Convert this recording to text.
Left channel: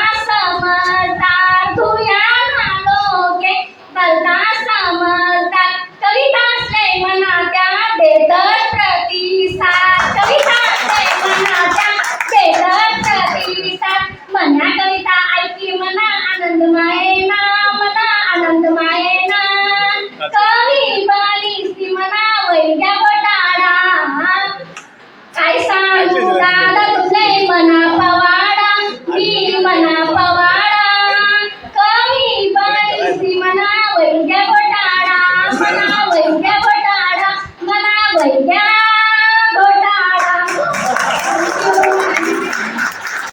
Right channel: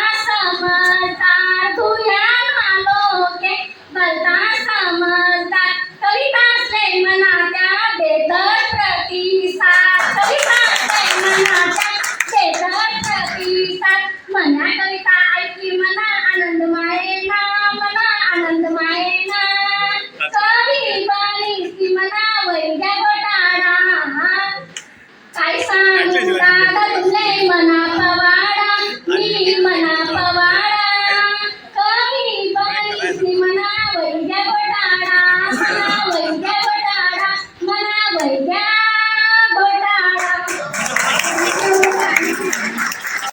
Nasa